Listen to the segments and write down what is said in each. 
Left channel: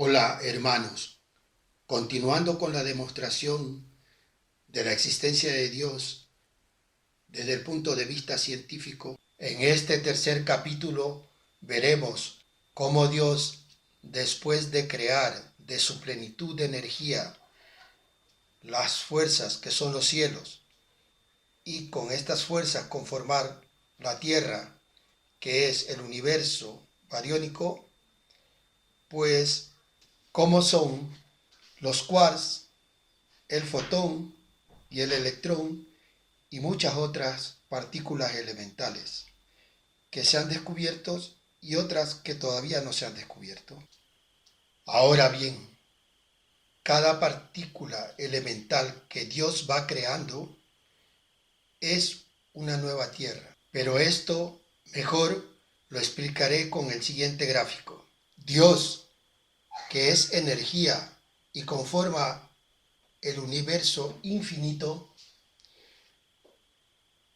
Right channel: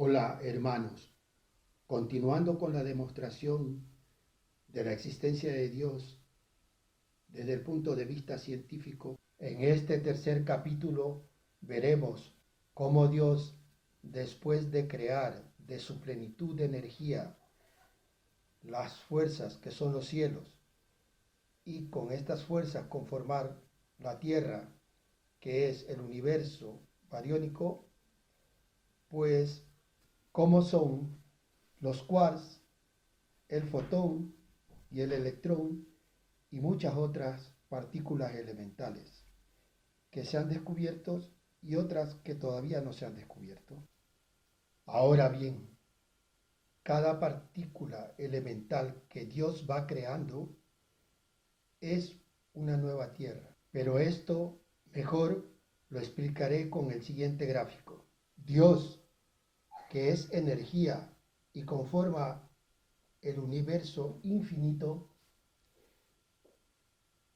Hola hermanos, continuando con la demostración de la existencia de Dios desde el punto de vista científico, en este tercer capítulo veremos cómo Dios, después de crear de su plenitud de energía las fuerzas que son los cielos y con estas fuerzas conformar la Tierra, que es el universo bariónico, pues cómo son los quarks, el fotón y el electrón y muchas otras partículas elementales que se han descubierto y otras que todavía no se han descubierto. Ahora bien, cada partícula elemental que Dios va creando es una nueva tierra, pero esto mejor lo explicaré con el siguiente gráfico. Dios, que es energía y conforma el universo infinito,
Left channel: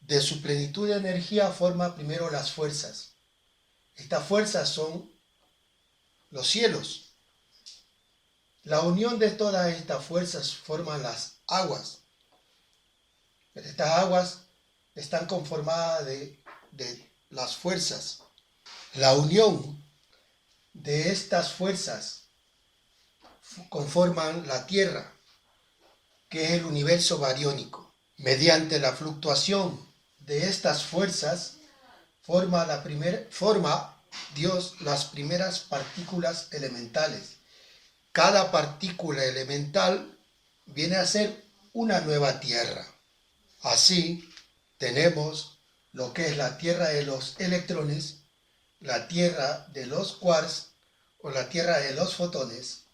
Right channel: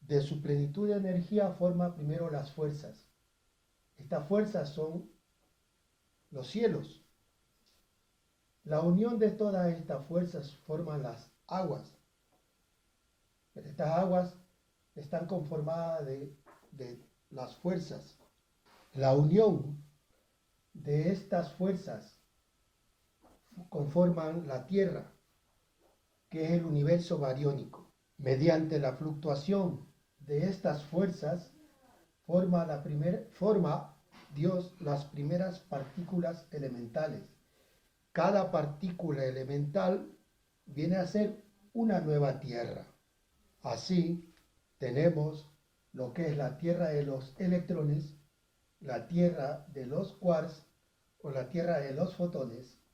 de su plenitud de energía forma primero las fuerzas. Estas fuerzas son los cielos. La unión de todas estas fuerzas forman las aguas. Pero estas aguas están conformadas de las fuerzas. La unión de estas fuerzas conforman la Tierra, que es el universo bariónico. Mediante la fluctuación de estas fuerzas forma Dios las primeras partículas elementales. Cada partícula elemental viene a ser una nueva tierra. Así tenemos lo que es la tierra de los electrones, la tierra de los quarks o la tierra de los fotones.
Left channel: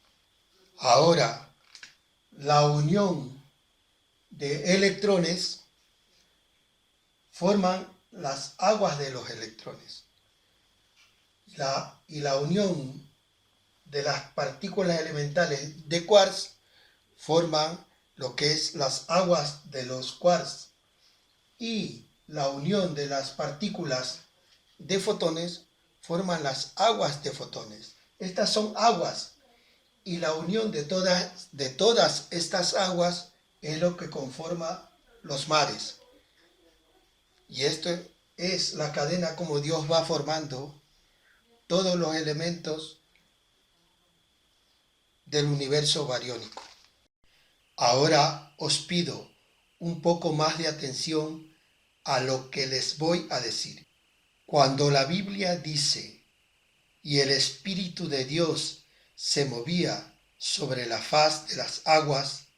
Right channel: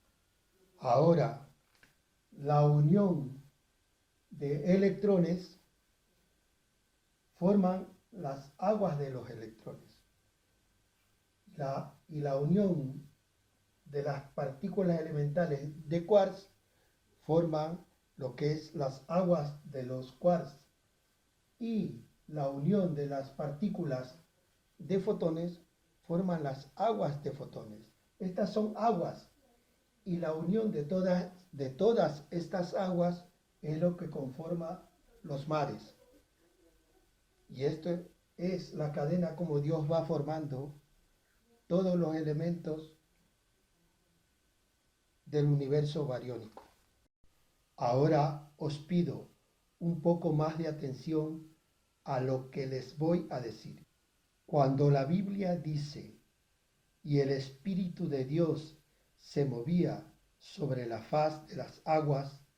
Ahora, la unión de electrones forman las aguas de los electrones. Y la unión de las partículas elementales de quarks forman lo que es las aguas de los quarks. Y la unión de las partículas de fotones forman las aguas de fotones. Estas son aguas y la unión de todas estas aguas es lo que conforma los mares. Y esto es la cadena como Dios va formando todos los elementos del universo bariónico. Ahora os pido un poco más de atención a lo que les voy a decir. Cuando la Biblia dice, y el Espíritu de Dios se movía sobre la faz de las aguas,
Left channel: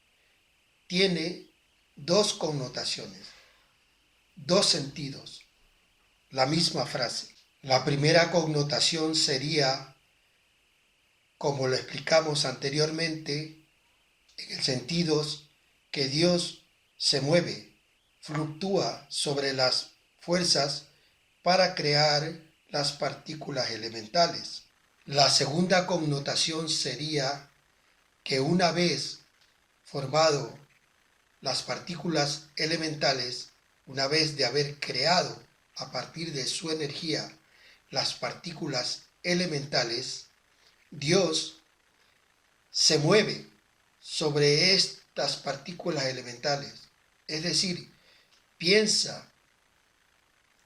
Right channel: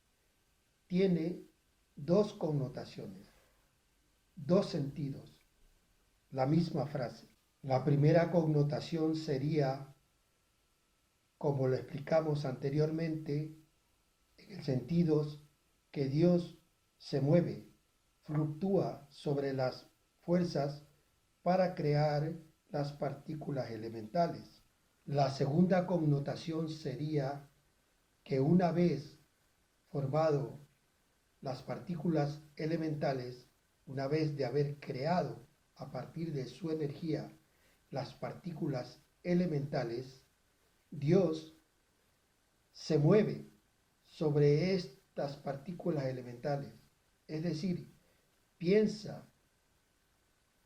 tiene dos connotaciones, dos sentidos, la misma frase. La primera connotación sería, como lo explicamos anteriormente, en el sentido que Dios se mueve, fluctúa sobre las fuerzas para crear las partículas elementales. La segunda connotación sería que una vez formado las partículas elementales, una vez de haber creado a partir de su energía las partículas elementales, Dios se mueve sobre estas partículas elementales, es decir, piensa,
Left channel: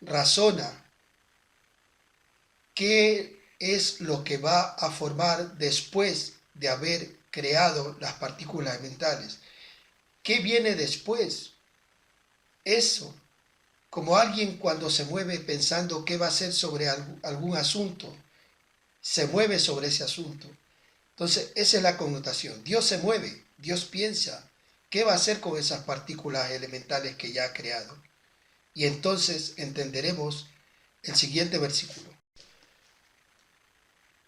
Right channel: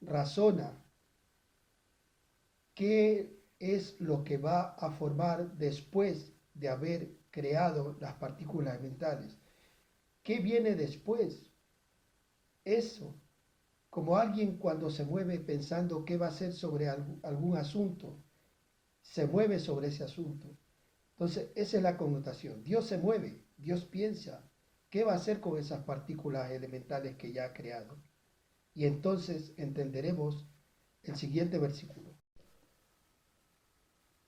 razona qué es lo que va a formar después de haber creado las partículas elementales. ¿Qué viene después? Eso, como alguien cuando se mueve pensando qué va a hacer sobre algún asunto, se mueve sobre ese asunto. Entonces, esa es la connotación. Dios se mueve, Dios piensa, ¿qué va a hacer con esas partículas elementales que ya ha creado? Y entonces entenderemos el siguiente versículo.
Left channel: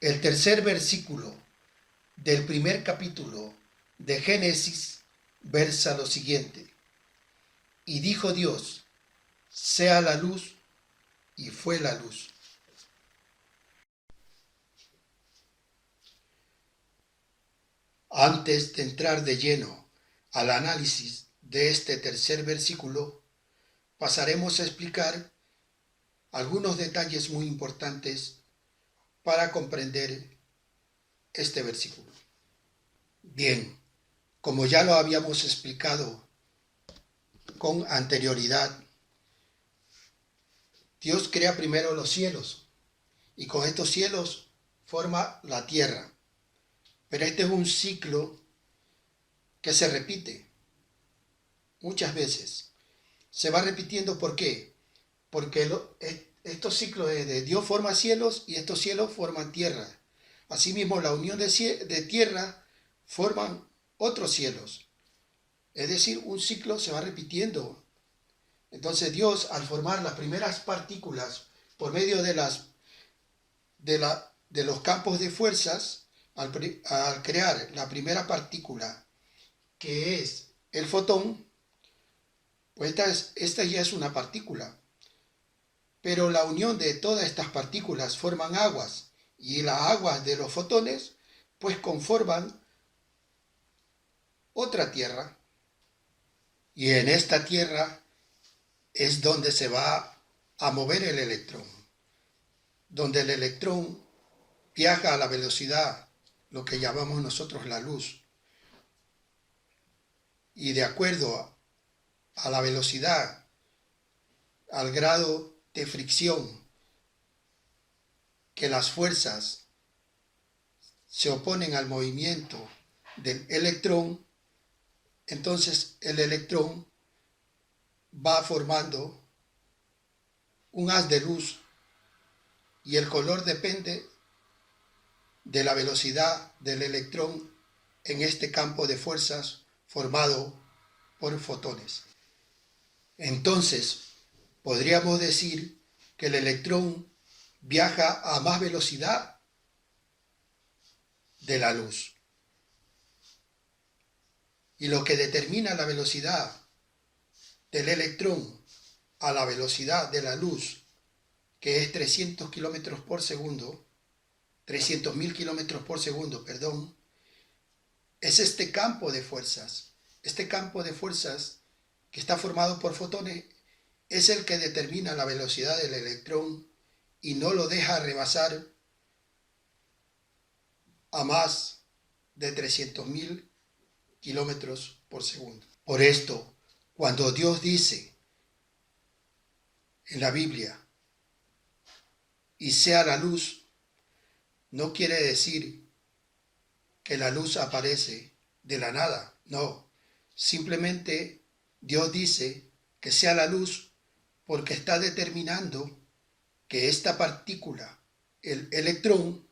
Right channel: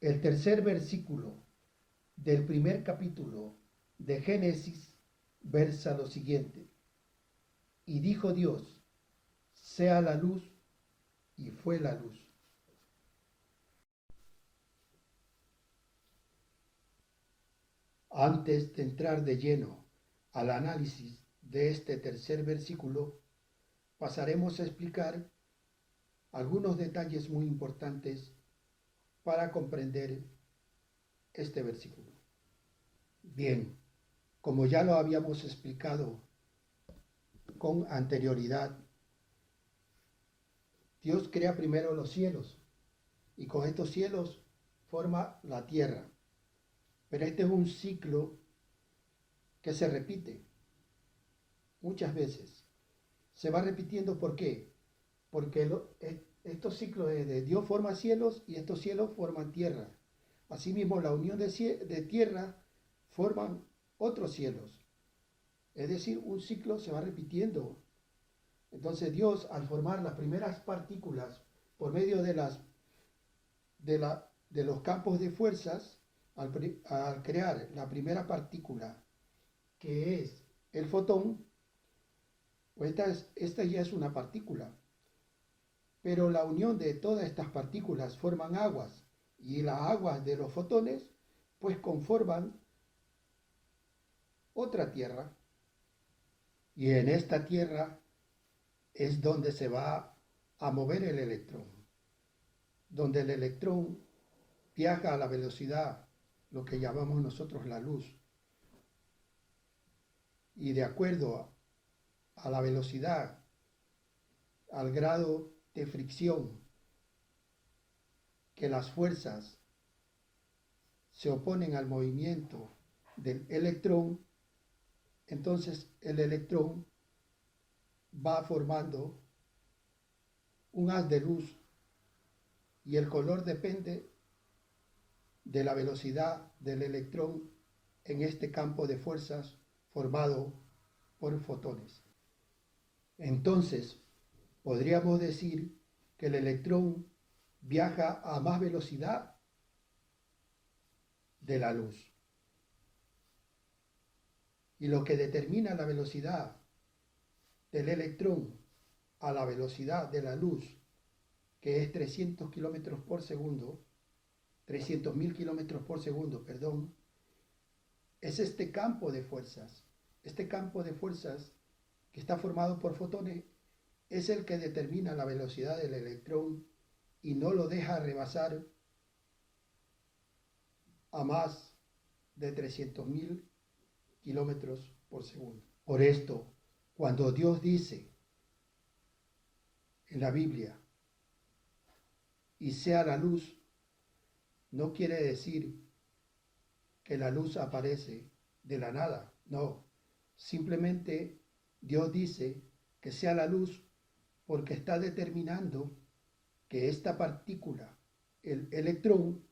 El tercer versículo del primer capítulo de Génesis versa lo siguiente. Y dijo Dios, sea la luz, y fue la luz. Antes de entrar de lleno al análisis de este tercer versículo, pasaremos a explicar algunos detalles muy importantes para comprender este versículo. Bien, como ya lo habíamos explicado con anterioridad, Dios crea primero los cielos y con estos cielos forma la tierra. Pero este es un ciclo que se repite muchas veces. Se va repitiendo, ¿por qué? Porque estos ciclos de Dios forma cielos y estos cielos forman tierra. Asimismo, la unión de tierra forman otros cielos. Es decir, un ciclo se va repitiendo. Entonces Dios, al formar las primeras partículas por medio de los campos de fuerzas, al crear la primera partícula, que es el fotón, pues esta ya es una partícula. Pero la unión de todas estas partículas forman aguas, y las aguas de los fotones pues conforman otra tierra. Y en esta tierra es donde se va a mover el electrón, donde el electrón viaja a la velocidad, lo que llamamos nosotros la luz. Y de acuerdo a la velocidad, al grado de fricción que las fuerzas se oponen al movimiento del electrón, entonces el electrón va formando un haz de luz y el color depende de la velocidad del electrón en este campo de fuerzas formado por fotones. Entonces, podríamos decir que el electrón viaja a más velocidad de la luz. Y lo que determina la velocidad del electrón a la velocidad de la luz, que es 300 kilómetros por segundo, 300.000 kilómetros por segundo, perdón, es este campo de fuerzas. Este campo de fuerzas que está formado por fotones es el que determina la velocidad del electrón y no lo deja rebasar a más de 300.000 kilómetros por segundo. Por esto, cuando Dios dice en la Biblia, y sea la luz, no quiere decir que la luz aparece de la nada, no. Simplemente Dios dice que sea la luz porque está determinando que esta partícula, el electrón,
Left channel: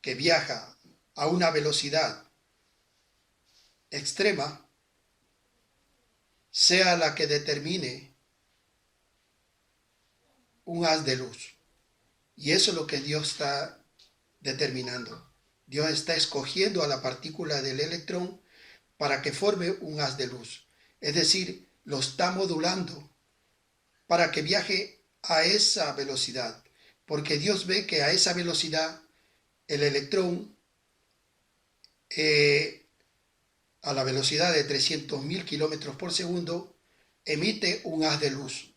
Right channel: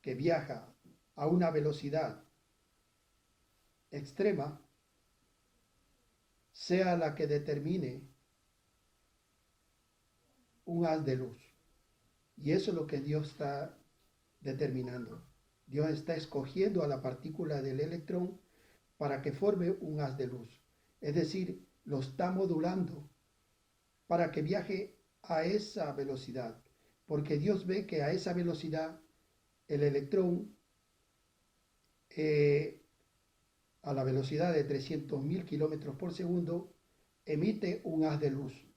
que viaja a una velocidad extrema, sea la que determine un haz de luz. Y eso es lo que Dios está determinando. Dios está escogiendo a la partícula del electrón para que forme un haz de luz. Es decir, lo está modulando para que viaje a esa velocidad. Porque Dios ve que a esa velocidad el electrón, a la velocidad de 300.000 kilómetros por segundo, emite un haz de luz.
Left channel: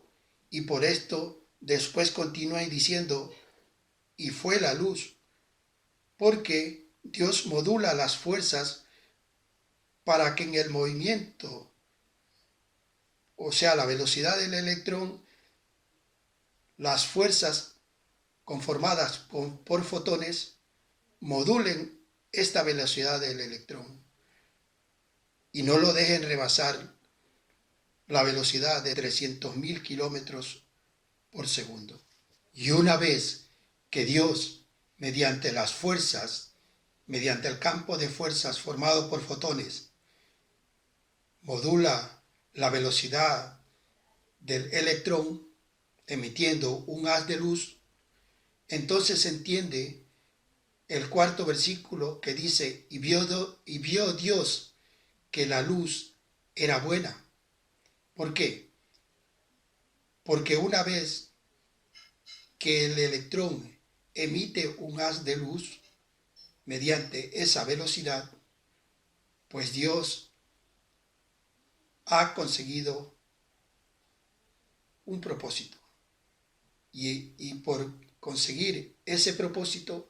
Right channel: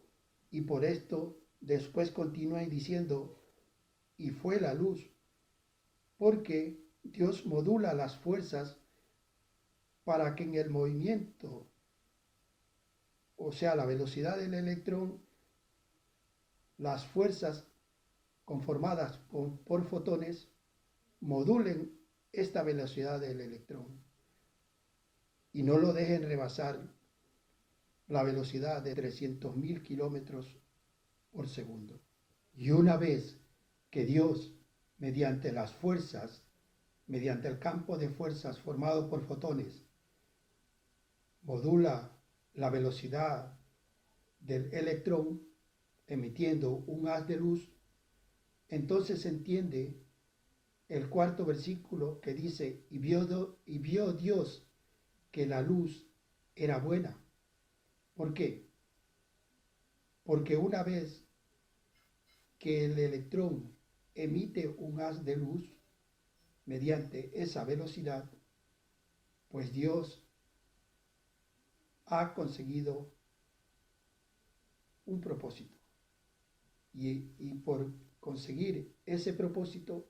Y por esto después continúa diciendo, y fue la luz, porque Dios modula las fuerzas para que en el movimiento, o sea, la velocidad del electrón, las fuerzas conformadas por fotones modulen esta velocidad del electrón y no lo dejen rebasar la velocidad de 300.000 kilómetros por segundo. Y una vez que Dios, mediante las fuerzas, mediante el campo de fuerzas formado por fotones, modula la velocidad del electrón emitiendo un haz de luz, entonces se entiende el cuarto versículo que dice, y vio Dios que la luz era buena. ¿Por qué? Porque una vez que el electrón emite un haz de luz mediante esa velocidad, pues Dios ha conseguido un propósito. Y por conseguir ese propósito,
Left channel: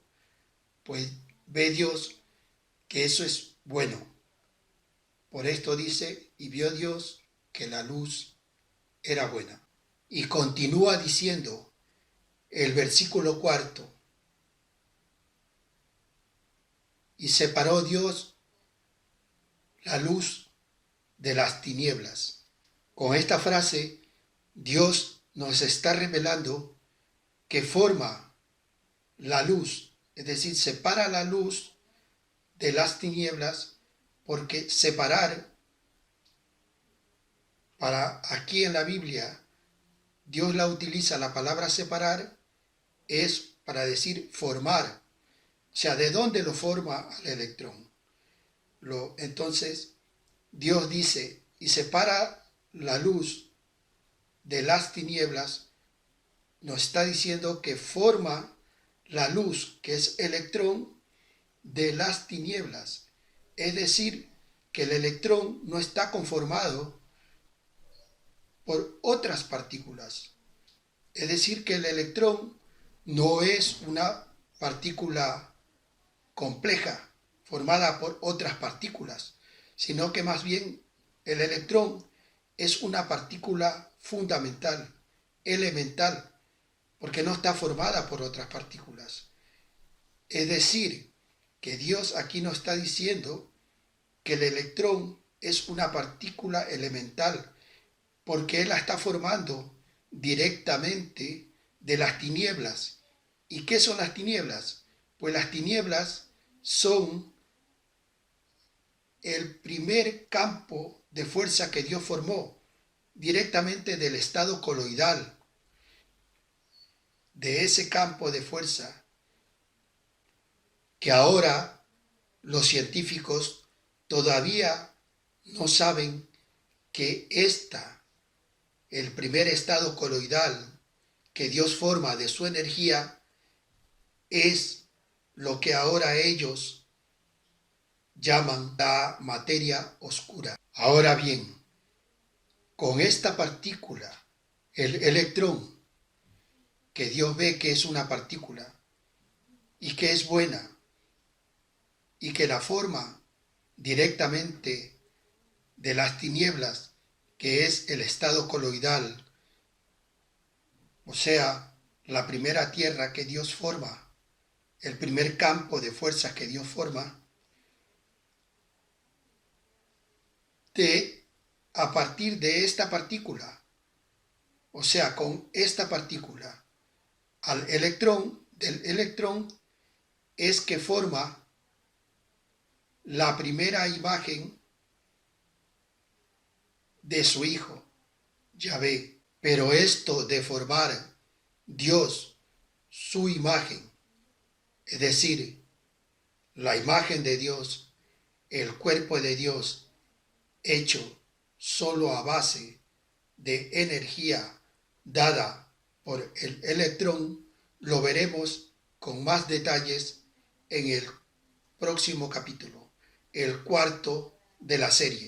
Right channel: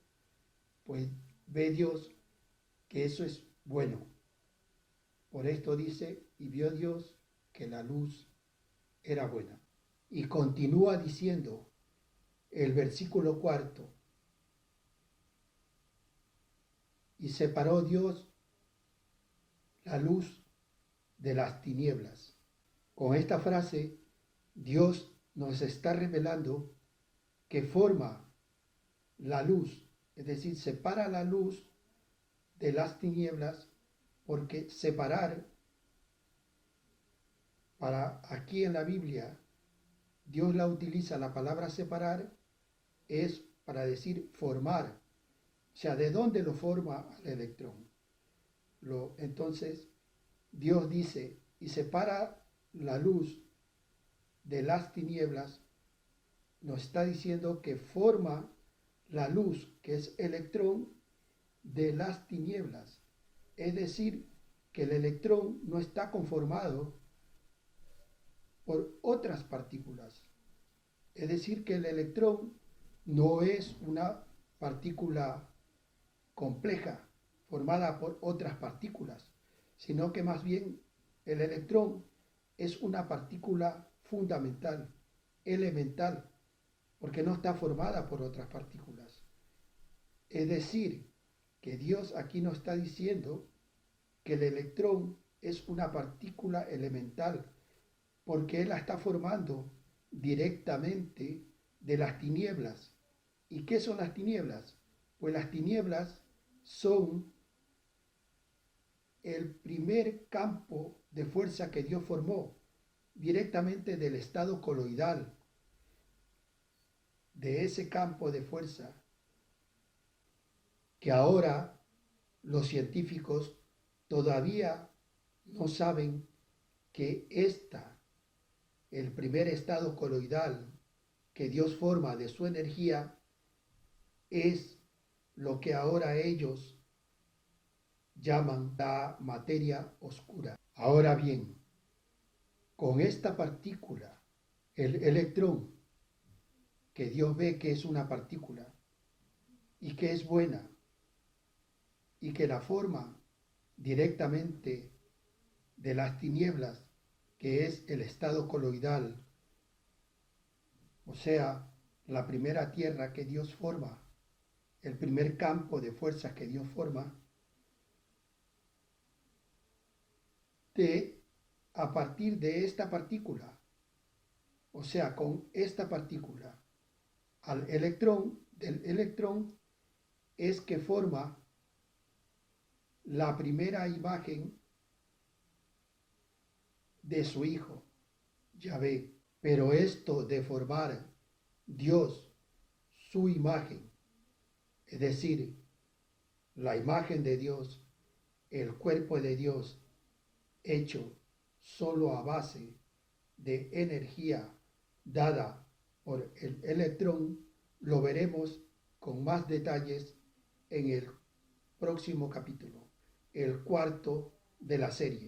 pues ve Dios que eso es bueno. Por esto dice, y vio Dios que la luz era buena. Y continúa diciendo el versículo 4, y separó Dios la luz de las tinieblas. Con esta frase, Dios nos está revelando que forma la luz, es decir, separa la luz de las tinieblas, porque separar, para aquí en la Biblia, Dios la utiliza la palabra separar, es para decir formar. O sea, ¿de dónde lo forma al electrón? Entonces, Dios dice, y separa la luz de las tinieblas, nos está diciendo que forma la luz, que es electrón, de las tinieblas. Es decir, que el electrón no está conformado por otras partículas. Es decir, que el electrón no es una partícula compleja formada por otras partículas, sino que más bien el electrón es una partícula fundamental, elemental, porque no está formada por otras partículas. Es decir, que Dios aquí nos está diciendo que el electrón es una partícula elemental, porque Él la está formando directamente de las tinieblas. ¿Y qué son las tinieblas? Pues las tinieblas son el primer campo de fuerza que Dios formó directamente del estado coloidal, de ese campo de fuerza que ahora los científicos todavía no saben que el primer estado coloidal que Dios forma de su energía, es lo que ahora ellos llaman la materia oscura. Ahora bien, con esta partícula, el electrón, que Dios ve que es una partícula y que es buena y que la forma directamente de las tinieblas, que es el estado coloidal, o sea, la primera tierra que Dios forma, el primer campo de fuerzas que Dios forma, a partir de esta partícula, o sea, con esta partícula, al electrón, del electrón, es que forma la primera imagen de su Hijo, Yahvé. Pero esto de formar Dios, su imagen, es decir, la imagen de Dios, el cuerpo de Dios, hecho solo a base de energía dada por el electrón, lo veremos con más detalles en el próximo capítulo, el cuarto de la serie.